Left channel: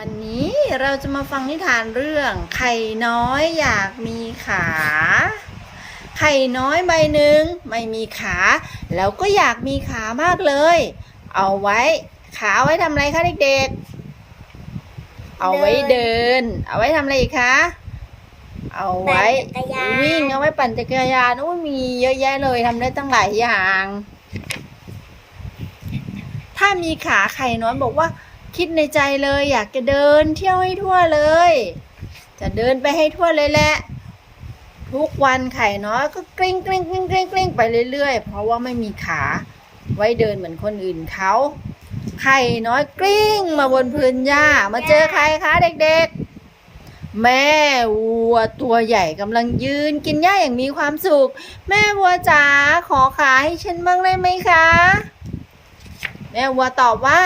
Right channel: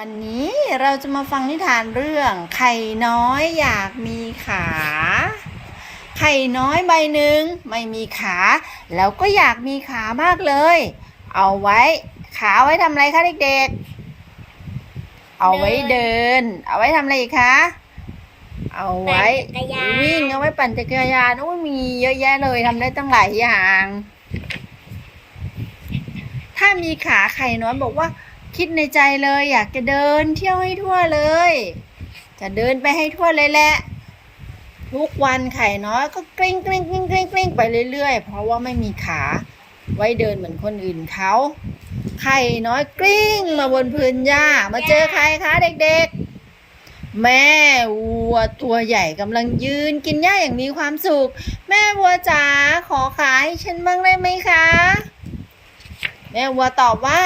วันนี้เราจะมาฟังนิทานเรื่อง ไข่น้อยอยากมีขา ไข่น้อยใบหนึ่งไม่มีขา แล้วก็อยากมีขามากเลย เอาไว้ ขาไว้ทำอะไรคะเด็กๆ เอาไว้เดิน เอาไว้ทำอะไรอีกคะ เอาไว้ปั่นจักรยาน วิ่งเอาไว้ปั่นจักรยานโอ้ยมีเยอะแยะเลยทำได้ตั้งหลายอย่าง ถ้ามีขาไข่น้อยบอกว่า คิดในใจเลย อยากจะเดินเที่ยวให้ทั่วเลย จะเดินไปให้ทั่วเลยแหละทุกวันไข่น้อยก็กลิ้งกลิ้งกลิ้งกลิ้งกลิ้งไปเรื่อยๆ เพราะว่าไม่มีขาไว้เดินเหมือนคนอื่นเขาไข่น้อยกลิ้งมาบนพื้นหญ้ามาเจอใครคะเด็กๆ แม่วัวตัวใหญ่กำลังยืนกินหญ้าอย่างมีความสุข แม่วัวจ๋าขอขาให้ฉันบ้างได้ไหมคะ แม่วัวตอบว่า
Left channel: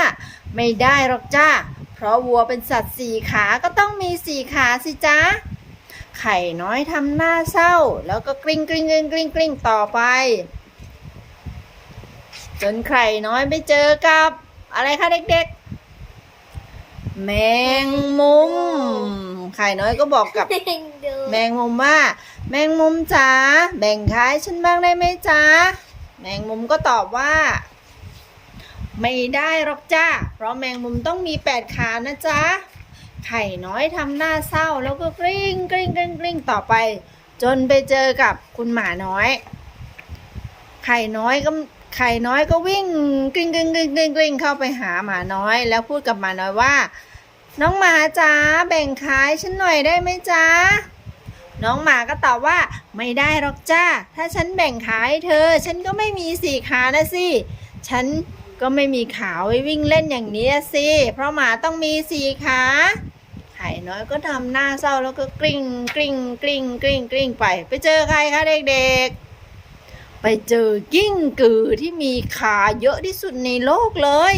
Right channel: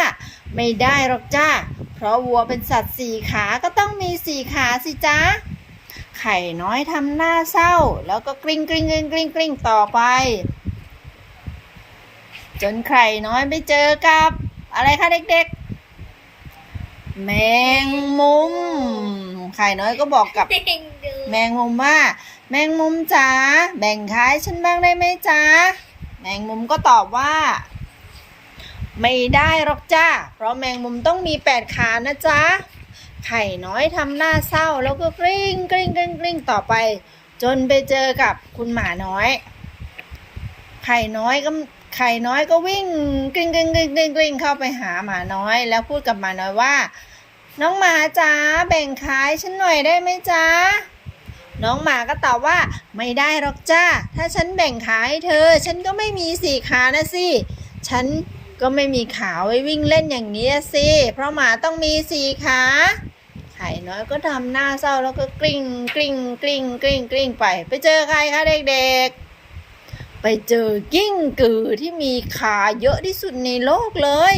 ไม่ได้หรอกจ้าเพราะวัวเป็นสัตว์สี่ขาก็ต้องมีสี่ขาสิจ้าไข่น้อยทำหน้าเศร้า แล้วก็กลิ้งกลิ้งกลิ้งกลิ้งกลิ้งต่อไป จนไข่น้อยไปเจอกับ อะไรคะเด็กๆ แมงมุม ไข่น้อยก็บอกกับเด้งดูแมงมุมว่า แมงมุมจ๋าแบ่งขายฉันบ้างได้ไหมจ๊ะแมงมุมก็ตอบว่า ไม่ได้หรอกจ้า เพราะแมงมุมต้องมีแปดขานะจ๊ะ ไข่น้อยทำหน้าเศร้าแล้วก็กริ้งกริ้งกริ้งกริ้งต่อไป จนไปเจอกับคุณหมาน้อย ไข่น้อยก็ไข่น้อยก็วิ่งกริ้งกริ้งกริ้งกริ้งกริ้งเข้าไปหาหมาน้อย แล้วพูดกับหมาน้อยว่า น้องหมาจ๋าแบ่งขายฉันหน่อยได้ไหมจ๊ะน้องหมาก็ตอบว่าไม่ได้หรอกจ้า ถ้าฉันแบ่งขาให้เธอ ฉันก็ไม่มีสี่ขานะสิ ฉัน ก็ไม่มีขาไว้วิ่งเล่นอย่างนี้สิ เพราะหมาต้องมีสี่ขา ไข่น้อยก็ทำหน้าเศร้าแล้วก็กลิ้งกลิ้งกลิ้งกลิ้งกลิ้งไป ไปเจอใครคะเด็กๆ ไปเจอกิ้งกือที่มีขาเยอะที่สุดในโลกเลย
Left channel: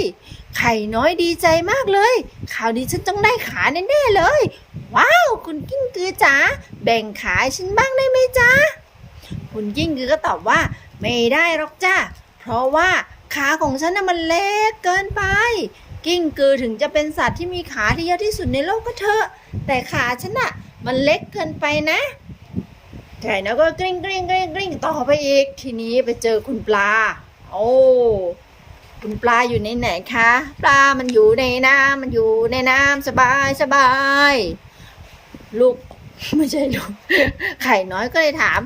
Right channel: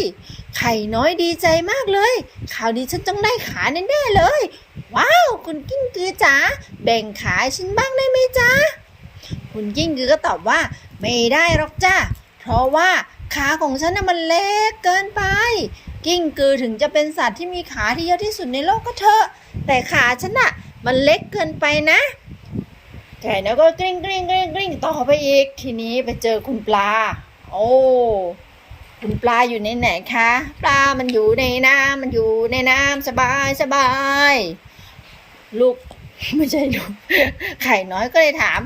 ไข่น้อยดีใจมากเลยข่าวดีฉันต้องได้ขาแน่ๆเลย ว้าว คุณกิ้งกือจ๋าแบ่งขาฉันบ้างได้ไหมจ๊ะคุณกิ้งกือก็ตอบว่า ไม่ได้หรอกจ้าเพราะว่า ขาของฉันน่ะมันเล็กเกินไป กิ้งกือถึงจะเป็นสัตว์ที่มีขาที่เยอะที่สุดในโลกก็เถอะ แต่ขาฉันน่ะมันเล็กเกินไปนะไก่น้อยก็กริ้งกริ้งกริ้งกริ้งต่อไปอีก ทีนี้ไปเจอคุณปลา โอ้คุณปลาอยู่ในไหนคะ ปลามันอยู่ในน้ำมันอยู่ในน้ำสบายสบาย ลูกไม่ใช่ลูกไข่น้อยก็เลยถาม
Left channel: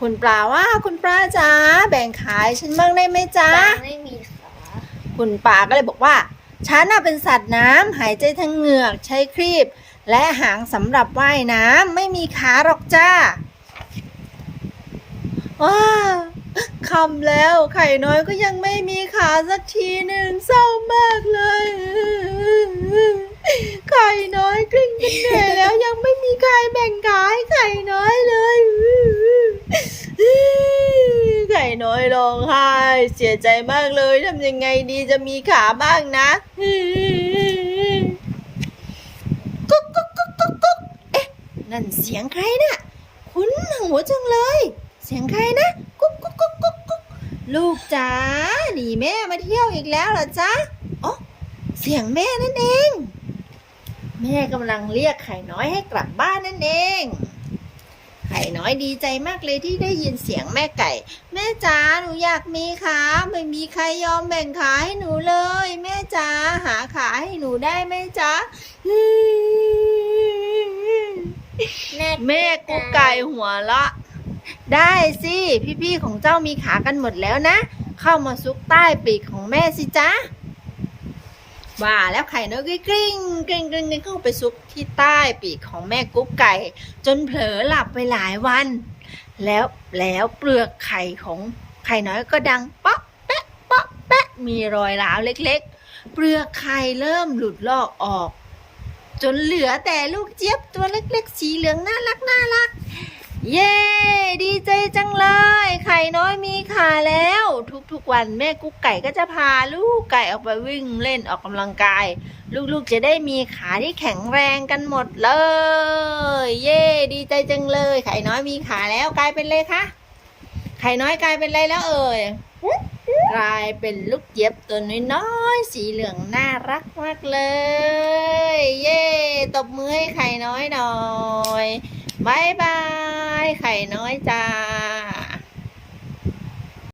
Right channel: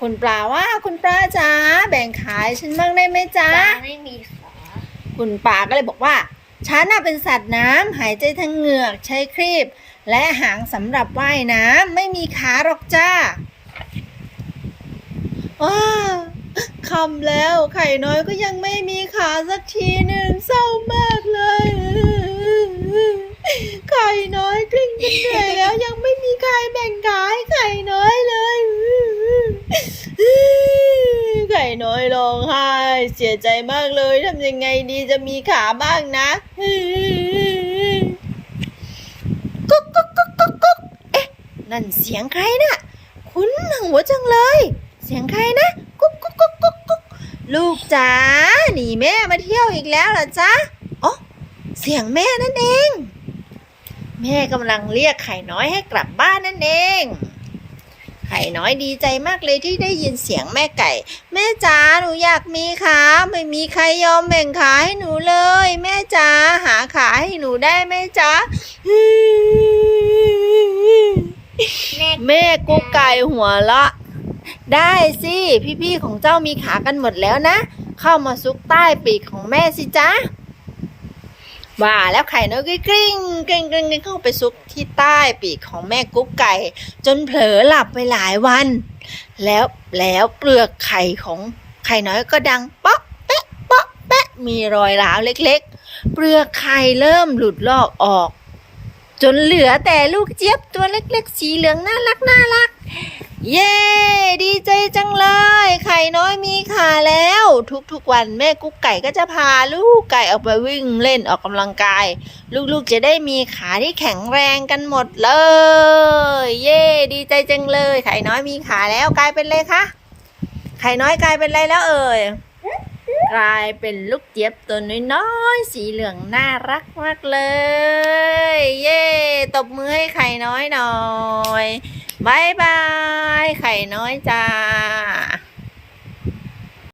คุณปลาว่าคุณปลาจ๋าแบ่งขายฉันบ้างได้ไหมจ๊ะปลาไม่มีขาคุณปลาก็เลยบอกว่าฉันน่ะเป็นสัตว์น้ำหายใจทางเหงือกใช้ครีบ และหางสำหรับว่ายน้ำไม่มีขาหรอกจ้าว้าคำแล้วไข่น้อยก็ยังไม่มีขาสักทีหนึ่งเศร้ามากเลย ไข่น้อยกลิ้งจนเหนื่อยแล้วยังไม่มีใครแบ่งขาให้ไข่น้อยเลย ไข่ น้อยร้องไห้เสียใจมากเลยทำยังไงดีจะมีขาบ้างนะกุ๊กกุ๊กกุ๊กกุ๊กกุ๊กเอ๊ะนั่นเสียงใครน่ะคุ้นหัวจังเลย เสียงใครนะกุ๊กกุ๊กกุ๊กกุ๊กกุ๊กลูกจ๋าหนีแม่มาเที่ยวอีกแล้วเหรอจ๊ะอ๋อเสียงแม่นั่นเอง แม่กำลังเรียกไข่น้อยให้กลับบ้านนั่นเอง ไข่น้อยดีใจมากเลยที่ได้ยินเสียงแม่ไก่ แม่จ๋าหนูอยากมีขาไม่มีใครยอมแบ่งขาให้หนูเลย แม่จ๋าหาขาให้หนูได้ไหมจ๊ะแม่แม่กุ๊กไก่หัวละ ได้สิพี่ๆของเจ้ามีขากันหมดแล้วนะ เข้ามาซุกใต้ปีกของแม่สิจ๊ะ ว่าแล้วไข่นกก็กริ้งกริ้งกริ้งกริ้งเข้าไปซุกที่ใต้ปีกของแม่กุ๊กไก่ จนเผลอหลับไปหลายวัน แล้วแล้วเปลือกไข่ของไข่น้อยก็ดังป๊อกแป๊ะป๊อกแป๊ะมีรอยร้าวเล็กๆ เปลือกไข่เริ่มหลุดลอกออก จนเหลือแต่ลูกเจี๊ยบตัวเล็กๆ สีเหลืองน่ารักน่ารัก เย้ ดีใจจังเลย ไข่น้อยมีขาแล้ว ทุกๆวันแม่กุ๊กไก่ก็จะพาลูกไก่ออกไปวิ่งเล่นออกกำลังกาย ลูกๆจะได้มีขาที่แข็งแรงกันหมดเลย เย้ ดีใจจังเลย ไข่น้อยมีขาแล้วกลายเป็นเลยคะไข่น้อยกลายเป็นอะไรแล้วเอ่ยกลายเป็นลูกเจี๊ยบตัวน้อยๆสีเหลืองน่ารักมากเลย เย้ตบมือให้ไข่น้อยหน่อย บายบาย ไข่น้อยจ้า